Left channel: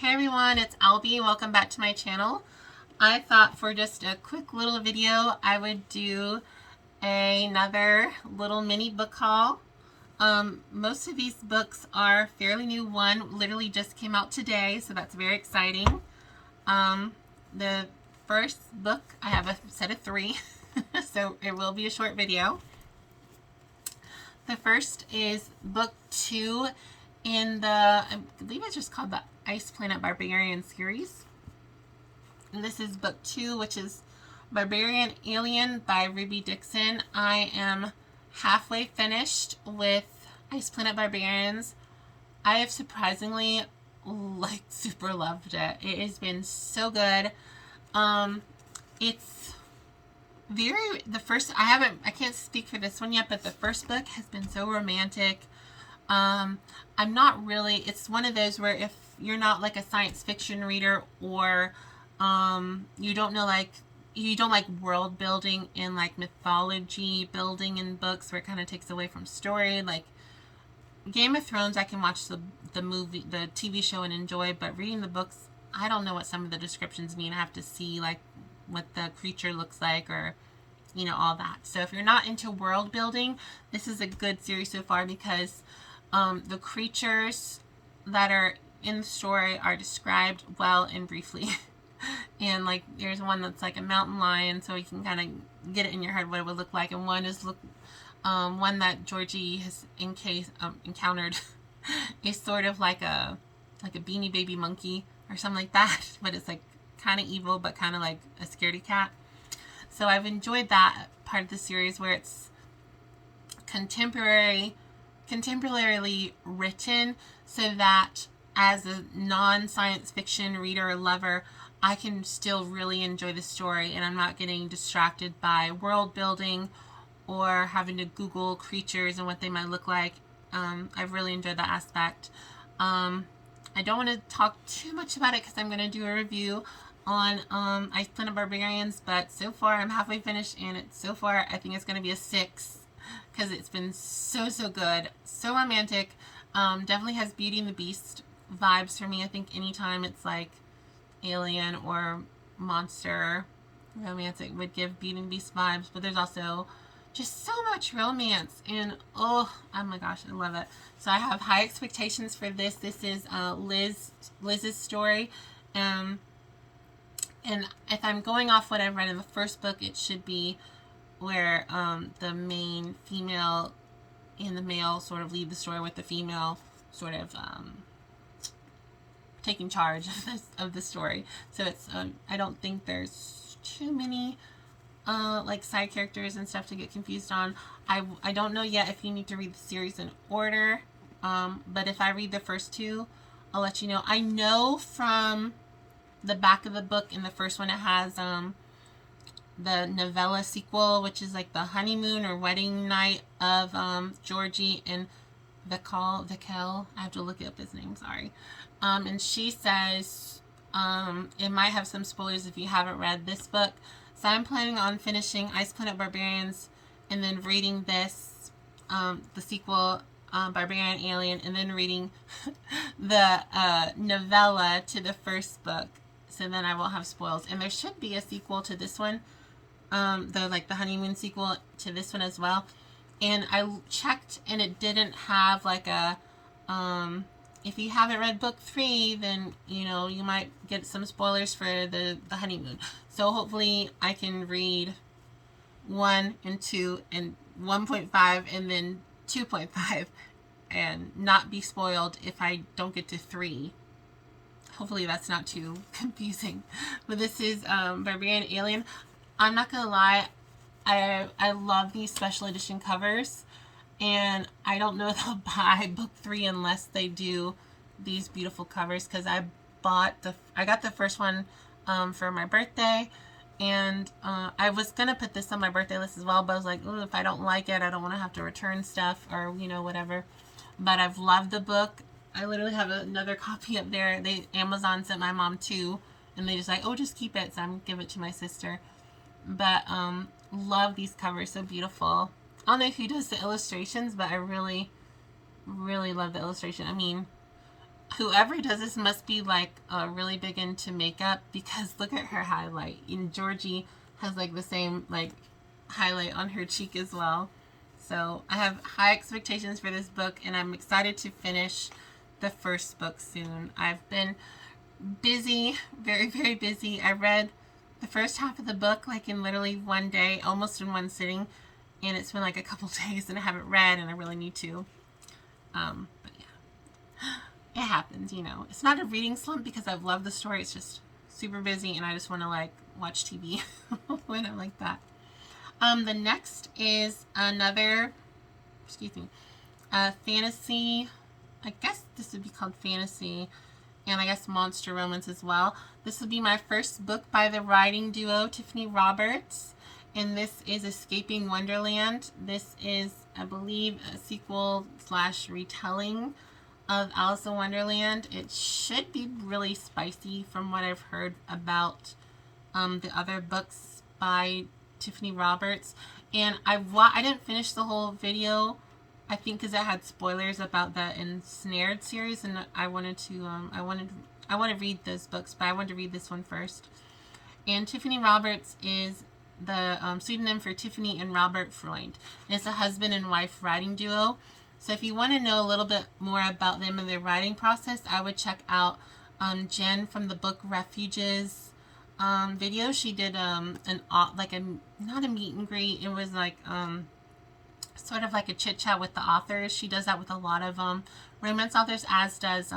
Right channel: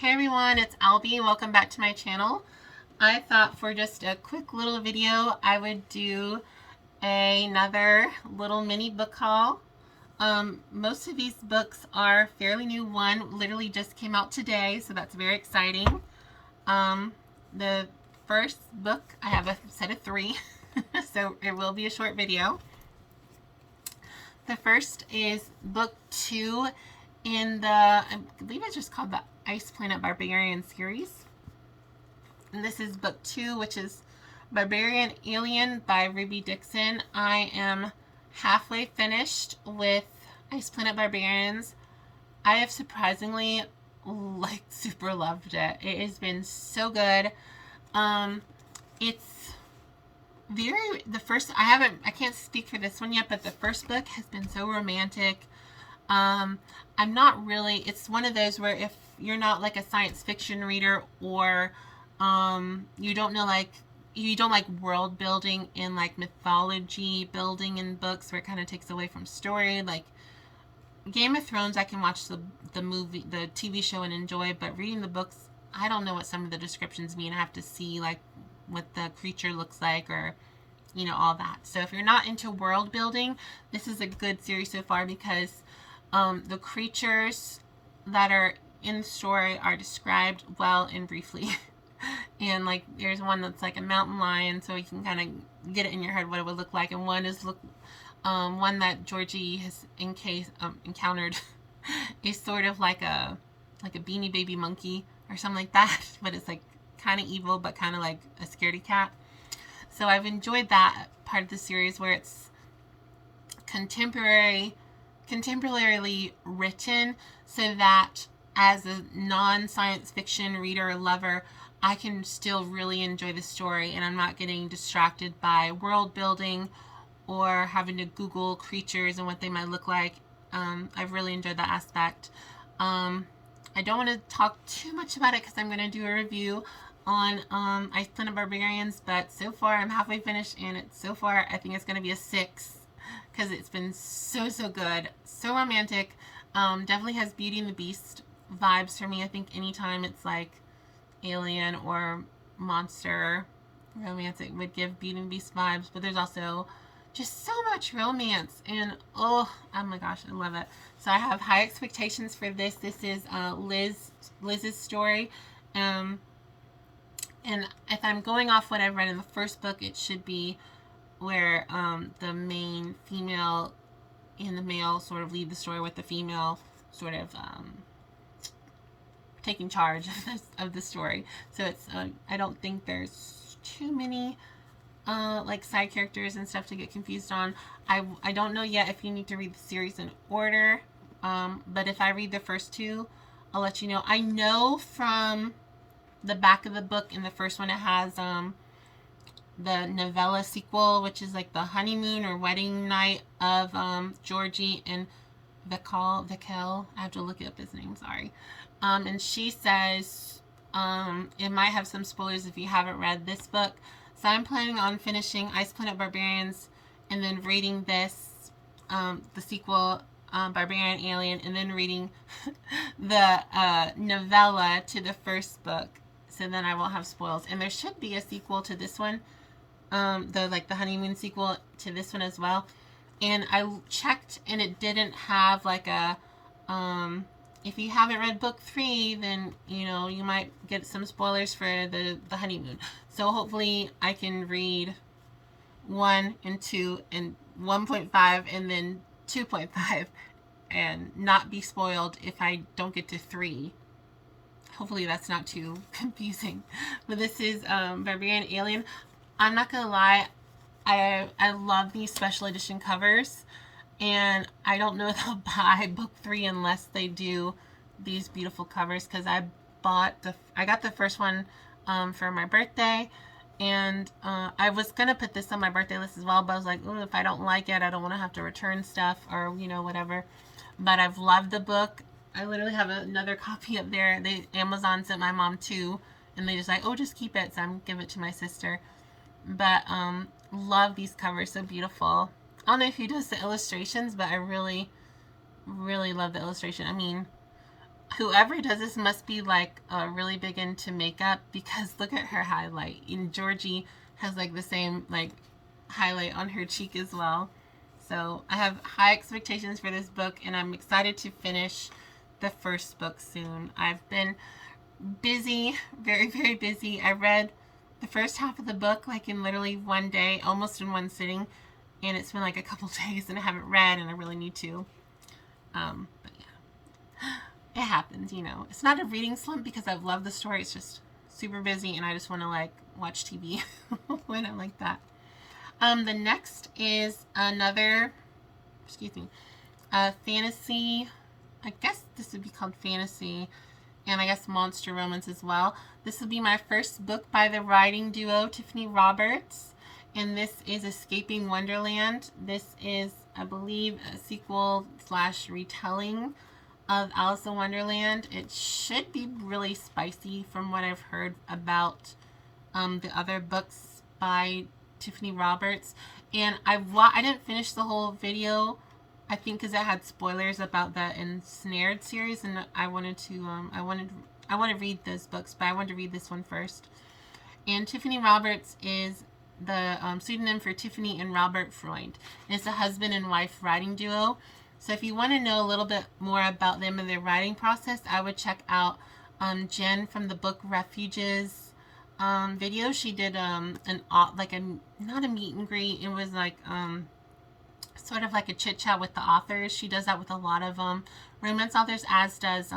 Hey everyone, it's Albie. Welcome back to my channel. I thought for just a quick little video I would do another little mini book haul. Most of these books are fairly new. One literally just came out today, so that's very exciting. The first book, I have a set of three, so it will be a short video. The first is book 2 in the, I believe it's just called the Planet Barbarians series. And this is book 2, which is Barbarian Alien by Ruby Dixon. I am halfway finished with Planet Barbarians. I have surprisingly super loved it. It has been so good. It's I can't speak for this one yet, but the first book has been so romantic. I'm not really, it's one of those where if you're not like a science fiction reader, or you don't like world building and like mythology building in books where it kind of takes away from story, like Game of Thrones, I can watch the TV show and enjoy, but reading the books, I don't know what some of the descriptions mean. I have to see like what the creature looks like, or all that. So if you're not into world building, this is a good series so far, because the creatures that are in the story are described well and briefly. And like there's one that's like a mountain lion, so you can kind of get it in your head what it would look like. And one is one that Georgie has encountered is sort of like a beanie baby monkey or something like that, but it's like kind of evil, but kind of like a scaredy cat. So I've enjoyed that part of the series where it's contemporarily written, so that as a non-science fiction reader or lover, I can still really enjoy the story, and I'm not getting distracted by world building or having to Google creatures and what they might look like. I've really enjoyed that aspect. I don't want to talk too much about it because I'm going to do a review on Planet Barbarians, but so far I'm halfway finished, and so far I think it's going to be a 6, because it's been so good, so romantic. Definitely has Beauty and the Beast vibes for me. I think anytime it's like alien or monster romantic would give Beauty and the Beast vibes, but there's also just so much romance, and oh my gosh, I love it. So I have high expectations for this. This is Liz's story, and if I'm going off what I've read in the first book, it should be where the main female and the male sort of lead the story, with the female sort of taking charge of the story. So it's I don't think there's too many like side characters and stuff to get confused on. I don't know yet if you need to read the series in order, but if I read the first 2, I'll let you know. I know from the back of the book, in the first one, it has the novella sequel, which is like the honeymoon or wedding night of Georgie and Vikel. I have to look up his name, sorry. And she says it might have some spoilers if you haven't read this book. So I'm planning on finishing Planet Barbarians and then reading this, the sequel, Barbarian Alien, and then reading the novella to the first book. So then I won't have spoils. And there should be a sequel to this one, the honeymoon sequel to this one as well. And I checked, and it didn't have like a if you haven't read book 3, then you might get some spoilers for the honeymoon. So hopefully I can read 1 and 2 and 1.5 and then 2.5 and not be spoiled if I don't get to 3. Hopefully that's not too confusing. But this is Barbarian Alien. I'm not gonna lie, I love these special edition covers, and I don't know if I'll buy book 3 unless they do these beautiful covers, because I got the first one for my birthday, and I was gonna put this on my birthday list as well, but I was like, oh, if I don't like it, I don't want to have to return stuff or whatever. But I've loved the book. I literally have another copy up there. Amazon sent my mom 2, and they just like, oh, just keep it, so I'm gonna give it to my sister. But love these covers, so beautiful. I don't know who does the illustrations, but I really love the illustration. I mean, whoever does this must be like really big into makeup, because look at her highlight. And Georgie has like the same like highlight on her cheek as well. So I have high expectations for this book, and I'm excited to finish the first book soon. I've been busy, very, very busy. I read the first half of the book like in literally one day, almost in one sitting, and it's been like a couple days and I haven't read, and I really need to. But yeah, it happens, you know. It's not a reading slump because I've loved the story. It's just super busy, and I just want to like watch TV when I'm like that. The next is another, fantasy. I guess this would be called fantasy, and I guess monster romance as well. This will be my first book by the writing duo Tiffany Roberts, and this is Escaping Wonderland. This is, I believe, a sequel / retelling of Alice in Wonderland. It should be really spicy from what I've heard about the other books by Tiffany Roberts. And I didn't finish the whole video, I think, because it had spoilers about the Ensnared series, and I wanted to I want to read those books, but I wanted to read this one first. And Tiffany Roberts is the pseudonym for Tiffany and Robert Freund. And it's a husband and wife writing duo. So if you want to know a little bit more about them and their writing process, I would check out Jen from the book Refuges video. She did not a meet and greet. It was like sort of like a chit chat with the authors. She does that with a lot of romance authors, as does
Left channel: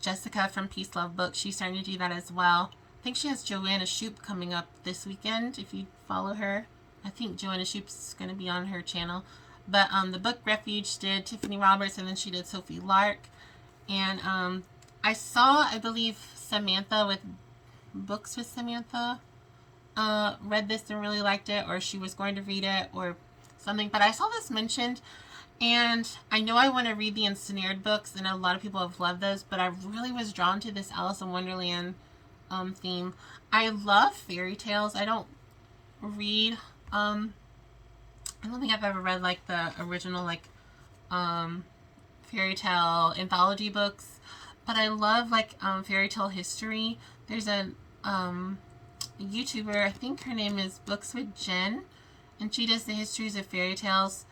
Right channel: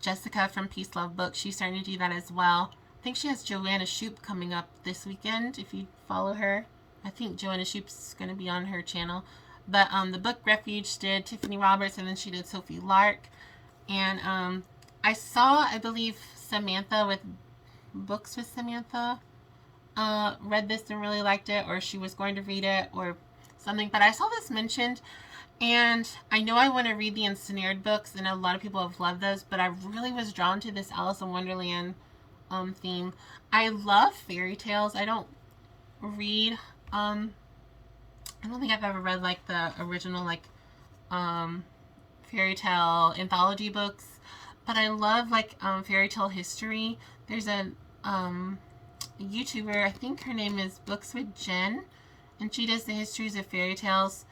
Jessica from Peace Love Books. She's starting to do that as well. I think she has Joanna Shoup coming up this weekend. If you follow her, I think Joanna Shoup's going to be on her channel. But the book Refuge did Tiffany Roberts, and then she did Sophie Lark. And I saw, I believe, Samantha with Books with Samantha read this and really liked it, or she was going to read it or something. But I saw this mentioned, and I know I want to read the Ensnared books, and a lot of people have loved those, but I really was drawn to this Alice in Wonderland theme. I love fairy tales. I don't read I don't think I've ever read like the original like fairy tale anthology books, but I love like fairy tale history. There's a YouTuber, I think her name is Books with Jen, and she does the histories of fairy tales.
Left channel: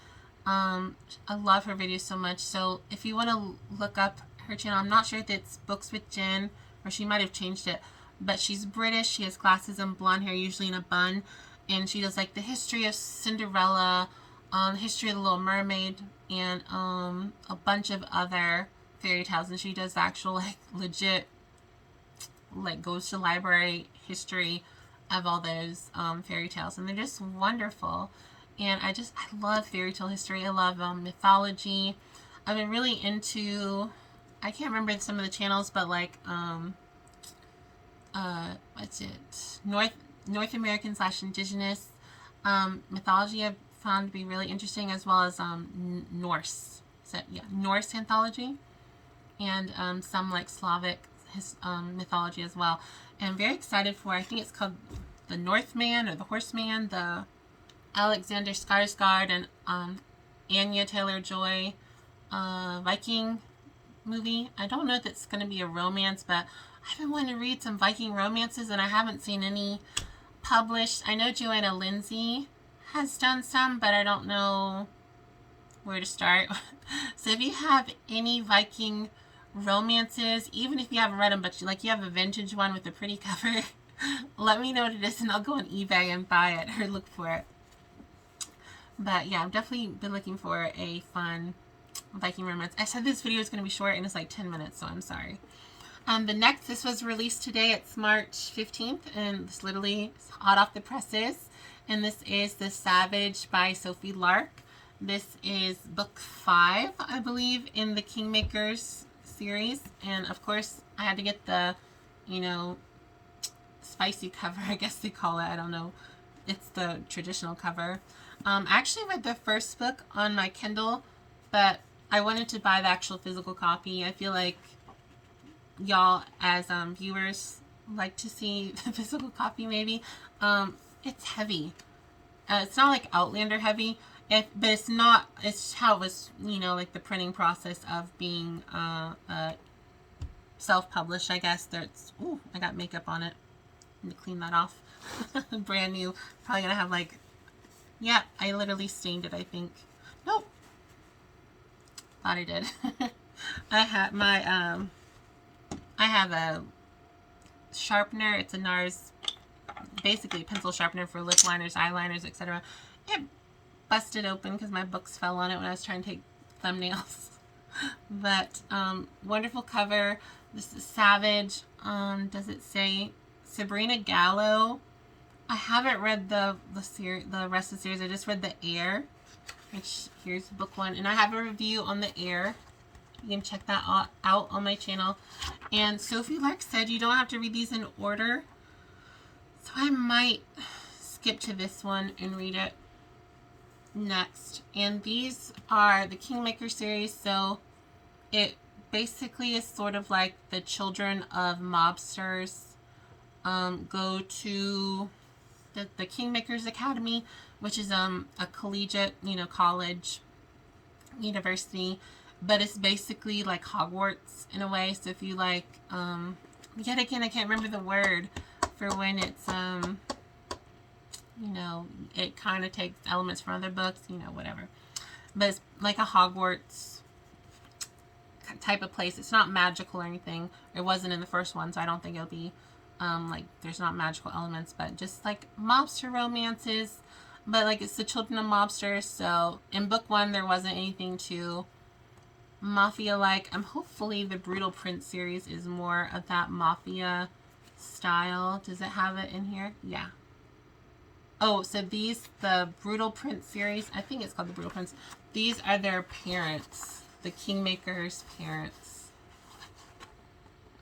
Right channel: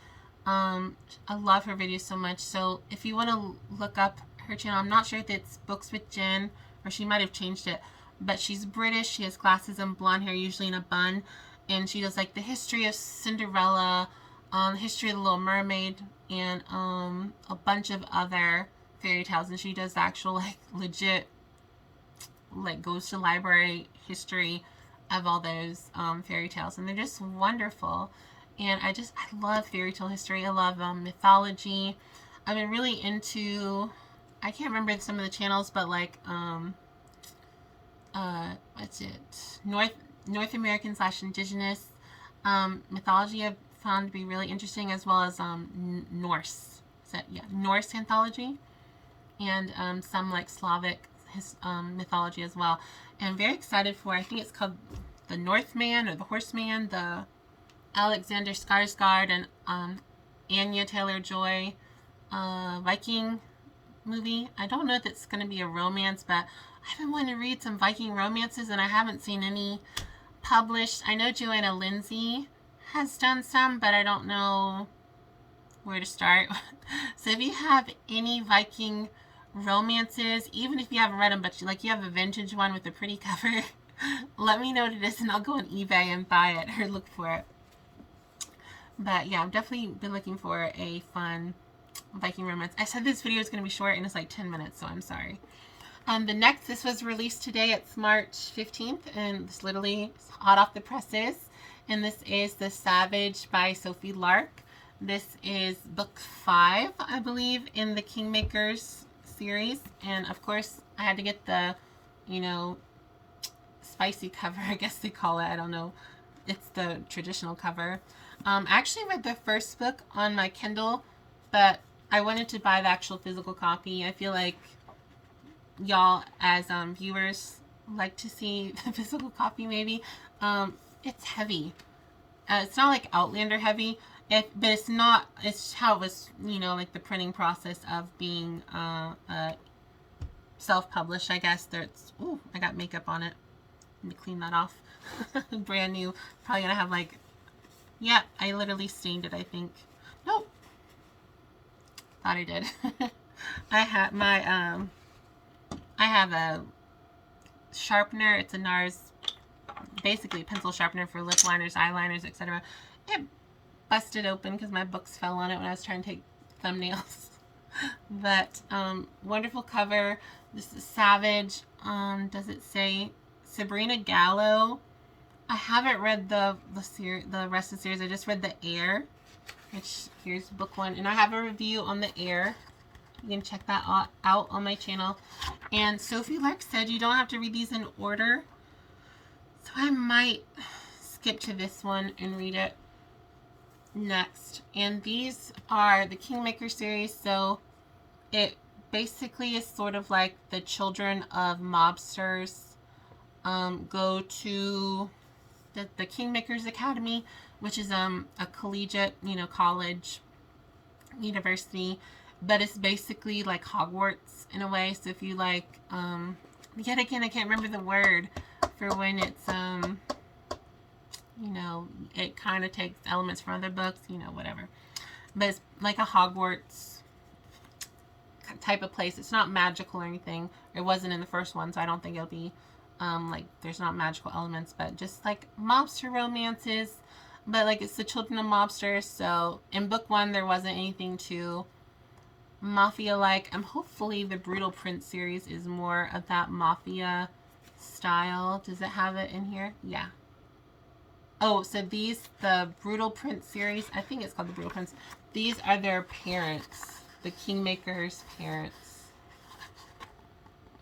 I love her videos so much. So if you want to look up her channel, I'm not sure if it's Books with Jen, or she might have changed it, but she's British. She has glasses and blonde hair, usually in a bun, and she does like the history of Cinderella, history of the Little Mermaid, and a bunch of other fairy tales. And she does the actual like legit, like goes to library history of all those fairy tales, and they're just wonderful. And I love fairy tale history. I love mythology. I've been really into, I can't remember some of the channels, but like what's it, North American / indigenous mythology I've found to be really interesting, as well as Norse. So yeah, Norse anthology, and some like Slavic mythology as well. And I'm very excited for, I think it's called The Northman or The Horseman, the Alexander Skarsgård and Anya Taylor-Joy Viking movie. I don't know if it's going to be a romance, but I've been wanting to read some Viking romances, and I haven't seen any published. I know Joanna Lindsay has done some, but I don't know where to start. So if you have any Viking romances, even if you haven't read them, but you have a vintage one with a pretty cover, let me know what it is, and I'll go on eBay and buy it or look for it. But yeah, I've definitely been looking for a fun Viking romance. I said this video is going to be short, and it's like 10 minutes, so I'm sorry. This was released today. It's March 15th, and it's literally hot off the presses. And this is The Savage by Sophie Lark. This is book 5, I believe, in the Kingmakers series. And of course, I had to get the, spicy cover, I guess they call it. I don't know. It's the traditional cover. I actually read the first book on my Kindle, but I wanted to buy the actual physical copy. I feel like y'all as viewers like to see the physical copy maybe. It's heavy. It's not like Outlander heavy. But it's not, it's how it was, you know, like the printing process of being self-published, I guess. That's, ooh, I got makeup on it. I need to clean that off. Brand new. Probably gonna have like, yeah, I literally stained it, I think. Nope. Thought I did. I had my, I have a sharpener. It's a NARS, basically pencil sharpener for lip liners, eyeliners, etc. It busted open because my books fell on it when I was trying to take thumbnails. But wonderful cover. This is Savage. Does it say Sabrina Gallo? I haven't read the rest of the series. I just read The Air, which here's book 1, and I have a review on The Air. You can check that out on my channel. And Sophie Lark said you don't have to read these in order, so I might skip to this one and read it next. And these are the Kingmaker series, so it basically is sort of like the children of mobsters go to the Kingmakers Academy, which is a collegiate, you know, college, university, but it's basically like Hogwarts in a way. So if you like, yet again, I can't remember the word for when it's, you know, it kind of takes elements from other books, you know, whatever. But it's like a Hogwarts type of place. It's not magical or anything. It wasn't in the first one, so I don't think it'll be, like, there's not magical elements, but just like mobster romances. But like, it's the children of mobsters. So in book 1, there wasn't anything too mafia-like. Hopefully the Brutal Prince series is more of that mafia style. Does it have it in here? Yeah. Oh, so these, the Brutal Prince series, I think it's called the Brutal Prince. These are their parents, the Kingmakers' parents.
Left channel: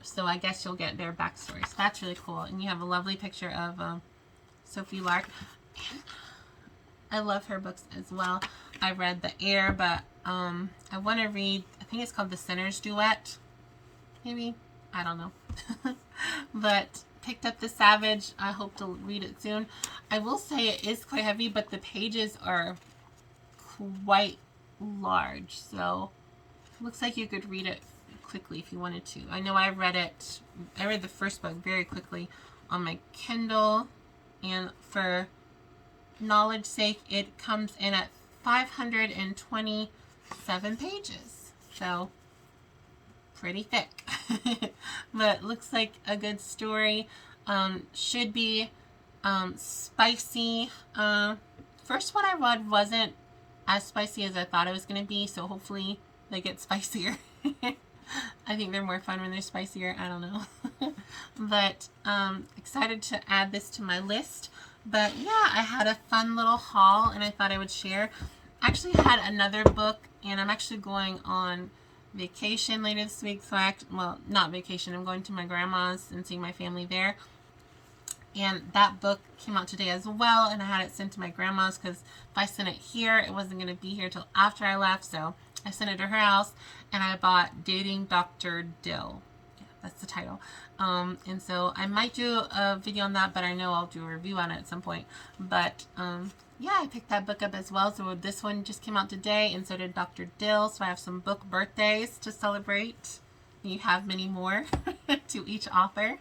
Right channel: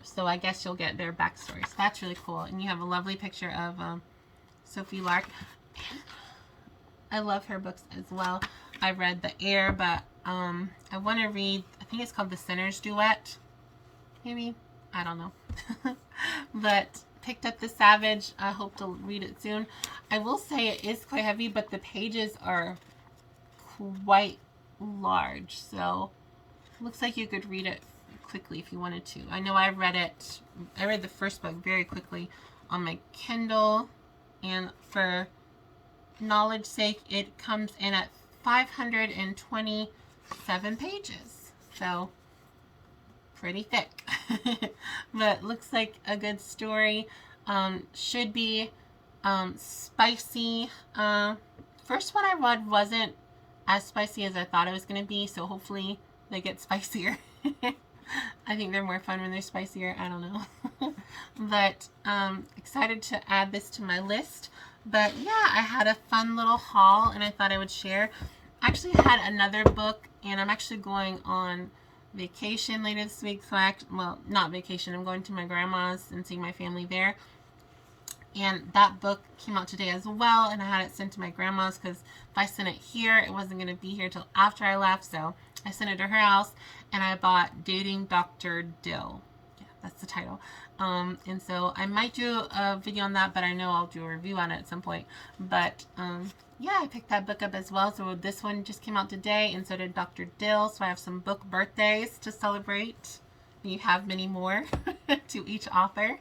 So I guess you'll get their backstory. So that's really cool. And you have a lovely picture of Sophie Lark. I love her books as well. I read The Air, but I want to read, I think it's called The Sinner's Duet. Maybe? I don't know. But picked up The Savage. I hope to read it soon. I will say it is quite heavy, but the pages are quite large. So looks like you could read it quickly if you wanted to. I know I read the first book very quickly on my Kindle, and for knowledge sake, it comes in at 527 pages. So pretty thick. But looks like a good story. Should be spicy. First one I read wasn't as spicy as I thought it was going to be, so hopefully they get spicier. I think they're more fun when they're spicier. I don't know. But excited to add this to my list. But yeah, I had a fun little haul and I thought I would share. I actually had another book, and I'm actually going on vacation later this week. So well, not vacation. I'm going to my grandma's and seeing my family there. And that book came out today as well, and I had it sent to my grandma's because if I sent it here, it wasn't going to be here till after I left. So I sent it to her house, and I bought Dating Dr. Dill. Yeah, that's the title. And so I might do a video on that, but I know I'll do a review on it at some point. But yeah, I picked that book up as well. So this one just came out today, and so did Dr. Dill. So I have some book birthdays to celebrate. You have many more to each author.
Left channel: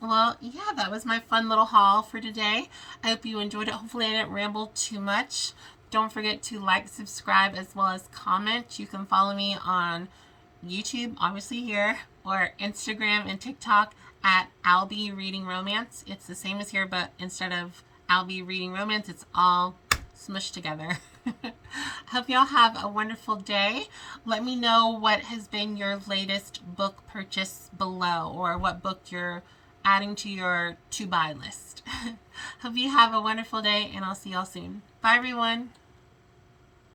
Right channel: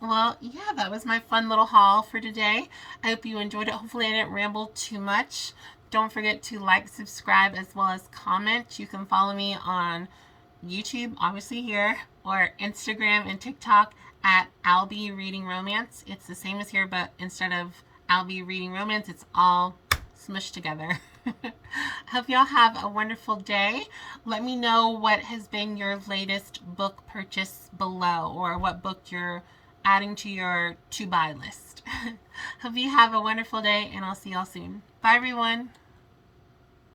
Well, yeah, that was my fun little haul for today. I hope you enjoyed it. Hopefully I didn't ramble too much. Don't forget to like, subscribe, as well as comment. You can follow me on YouTube, obviously here, or Instagram and TikTok at I'll Be Reading Romance. It's the same as here, but instead of I'll Be Reading Romance, it's all smushed together. Hope y'all have a wonderful day. Let me know what has been your latest book purchase below, or what book you're adding to your to-buy list. Hope you have a wonderful day, and I'll see y'all soon. Bye, everyone.